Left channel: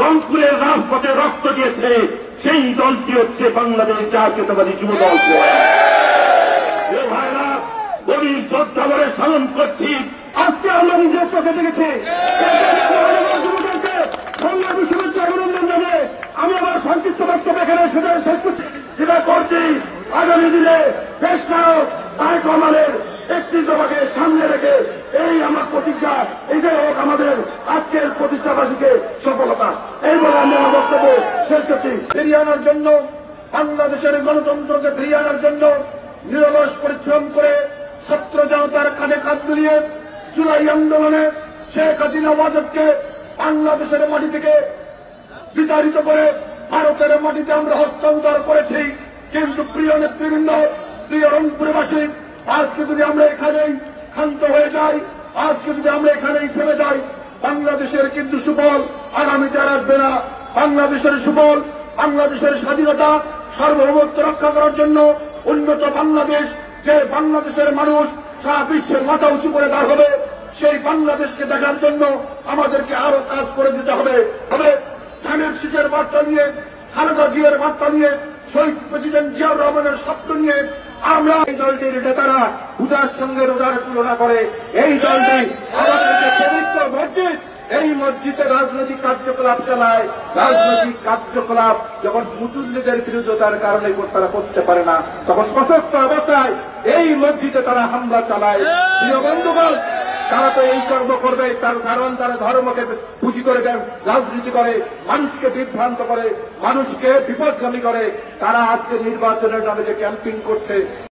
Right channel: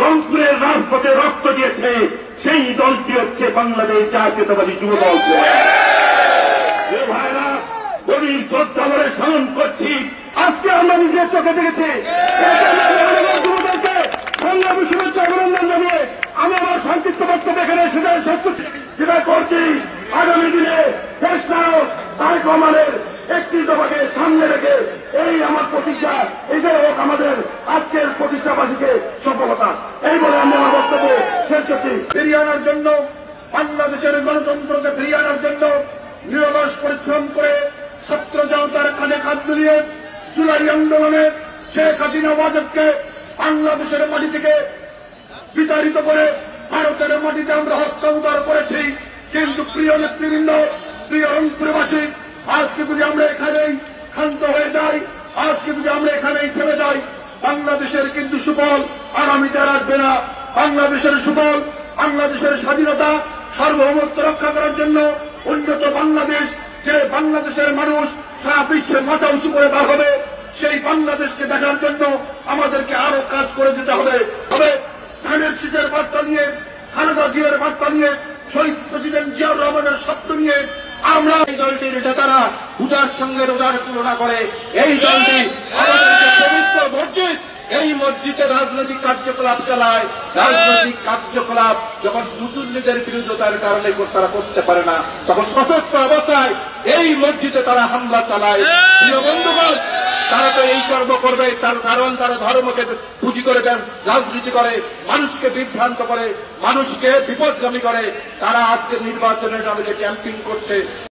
রংপুরের রাজপথে রক্ত দিয়েছে সেই দলটি হচ্ছে বাংলাদেশ জাতীয়তাবাদী যুব দল। ভাইরা গভীর শ্রদ্ধা করে স্মরণ করছি, আজকে আমরা নিজের চোখে দেখেছি বাংলা বিশ্ববিদ্যালয় অভিনন্দন জানিয়ে আমি আমার সংক্ষিপ্ত বক্তব্য এখানে সেটা করছি। আগামী দিনে দেশ নায়ক তারেক রহমানের একটি দফাকে সামনে রেখে এই আমার প্রতিজ্ঞা, এটাই হোক আমাদের আজকের প্রতিষ্ঠাবাসীকে সফলতা। এই বলে আমি আমার বক্তব্য শেষ করছি। ফিরিয়ে আনার জন্য, বাংলাদেশের গণতন্ত্রকে ফিরিয়ে আনার জন্য নিরলস পরিশ্রম করে ছাত্র জনতার কাঁধে কাঁধ মিলিয়ে জুলাই আন্দোলনে শেখ হাসিনা ওয়াজেদকে বাংলাদেশের মাটি থেকে বিতাড়িত করে ভারতের মাটিতে আমরা হস্তান্তর করেছি। কিন্তু প্রিয় নেতৃবৃন্দ, প্রিয় রংপুরবাসী, আজকে যদি আমরা এখানেই ক্ষান্ত হয়ে যাই, আজকে যদি আমরা এখানেই থেমে যাই, বাংলাদেশের কিন্তু সুফল আগামী যার আসবে না। বাংলাদেশের সুফল, বাংলাদেশের স্বাধীনতা সার্বভৌমত্ব রক্ষা করার জন্য উন্নত বাংলাদেশ, যে বাংলাদেশের মানুষ সারা বিশ্বের মাথা উঁচু করে বার হবে, সেই বাংলাদেশকে দেখার জন্য আমাদেরকে আরো কাজ করে যেতে হবে। ধানের শীষের বার্তা নিয়ে, খালেদা জিয়ার বার্তা নিয়ে, শহীদ প্রেসিডেন্ট জিয়াউর রহমানের স্বপ্ন নিয়ে আমরা এই দলটির নেতারা পূজার সঙ্গে রোজার তুলনা করে এই দলটি পবিত্র মসজিদ, এই মসজিদে রাজনৈতিক কার্যকলাপ চালায়। রাজনৈতিক কার্যকলাপ যখন মুসলিমদের বিরোধিতার কারণে তারা করতে পারে না, তখন সশস্ত্র অবস্থায় এই মসজিদে তারা হামলা চালায়। প্রিয় বন্ধুগণ, তারা তো এই কর্ম করবে তার কারণ তারা ধর্মকে পুঁজি করে দেন, রাজনীতি করে, মানুষকে বিভ্রান্ত করে, মানুষকে বিপদগামী করে। তারা আজকে নির্বাচনের নামে ক্যাম্পিং করছে।